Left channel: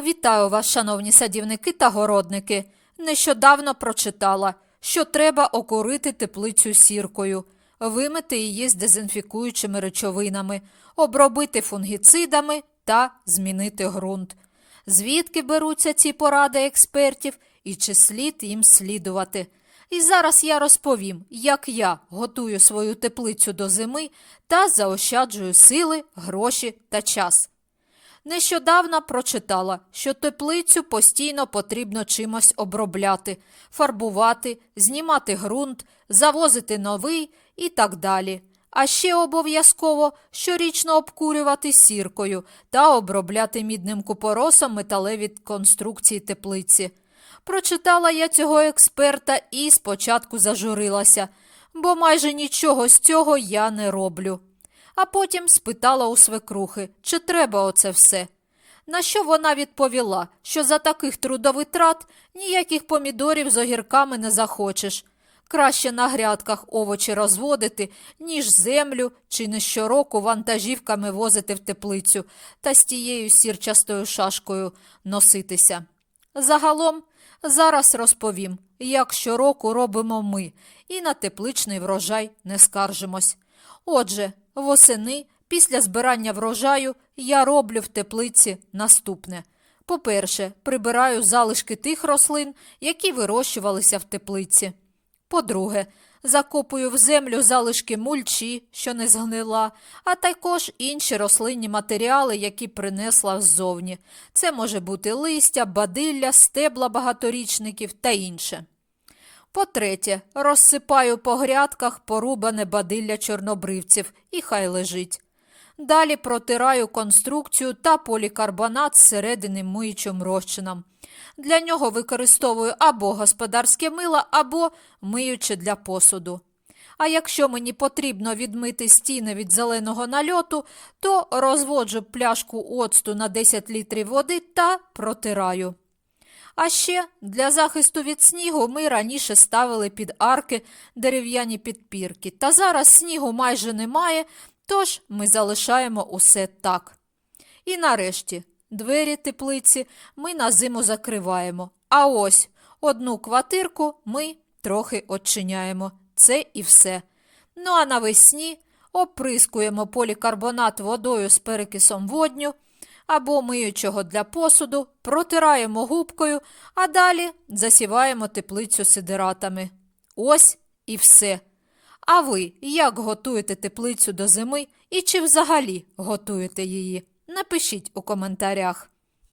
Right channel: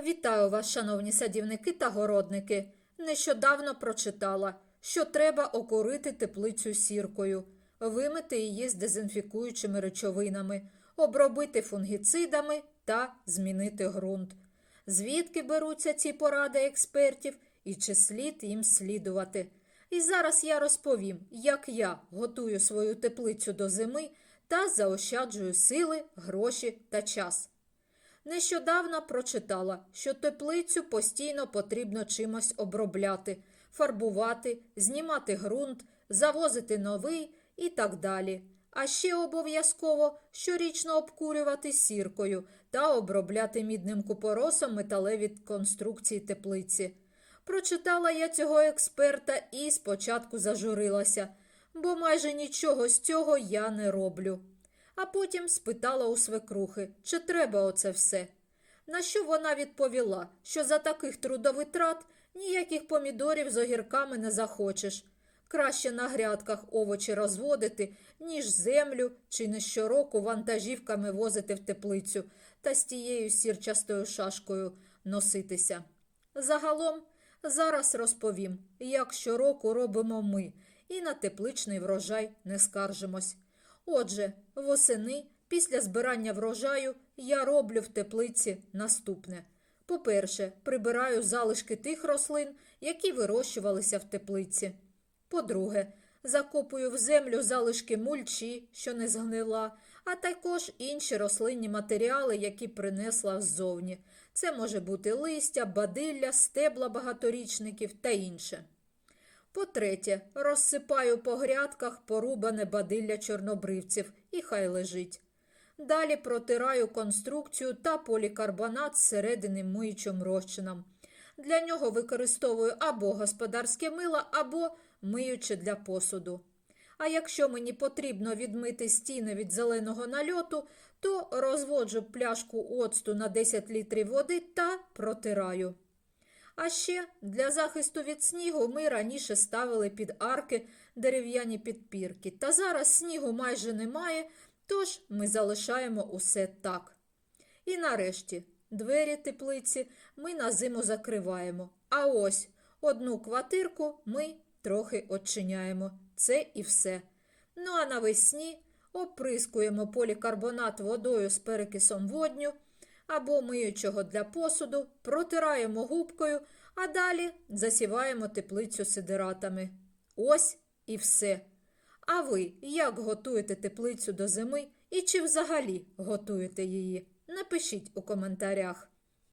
Вітаю вас, шановні садівники та городники. Нещодавно прочитала, що треба окурити теплицю сіркою, вимити її з дезінфікуючими речовинами, обробити фунгіцидами та змінити ґрунт. Звідки беруться ці поради експертів і чи слід їм слідувати? І зараз я розповім, як я готую свою теплицю до зими та заощаджую сили, гроші та час. Нещодавно прочитала, що теплицю постійно потрібно чимось обробляти, фарбувати, знімати ґрунт, завозити новий і так далі. А ще обов'язково щорічно обкурювати сіркою та обробляти мідним купоросом металеві конструкції теплиці. Прочитала я цього експерта і спочатку зажурилася, бо майже нічого з цього я не роблю. А потім спитала у свекрухи, чи треба оце все. На що вона відповіла, що за таких трудовитрат ніяких помідорів з огірками не захочеш. Краще на грядках овочі розводити, ніж землю чи не щороку вантажівками возити в теплицю та з тією сірчастою шашкою носитися. Загалом, зараз розповім, як щороку робимо ми, і на тепличний врожай не скаржимось. Отже, восени, після збирання врожаю, я роблю в теплиці наступне. По-перше, прибираю залишки тих рослин, які вирощувалися в теплиці. По-друге, закопую в землю залишки мульчі, що не згнила, а також інші рослинні матеріали, які принесла ззовні. Це може бути листя, бадилля, стебла багаторічників та інше. По-третє, розсипаю по грядках порубане бадилля чорнобривців і хай лежить. Далі протираю конструкцію та полікарбонат зсередини миючим розчином. Для нього використовую або господарське мило, або миюче для посуду. А якщо мені потрібно відмити стіни від зеленого нальоту, то розводжу пляшку оцту на 10 літрів води та протираю. А ще для захисту від снігу ми раніше ставили під арки дерев'яні підпірки, та зараз снігу майже немає, тож ми залишаємо усе так. І нарешті двері теплиці ми на зиму закриваємо. А ось одну квартирку ми трохи очиняємо. Це і все. Ну а навесні оприскуємо полікарбонат водою з перекисом водню або миючого для посуду, протираємо губкою, а далі засіваємо теплицю сидиратами. Ось і все. А ви як готуєте теплицю до зими і чи взагалі готуєте її? Напишіть у коментарях.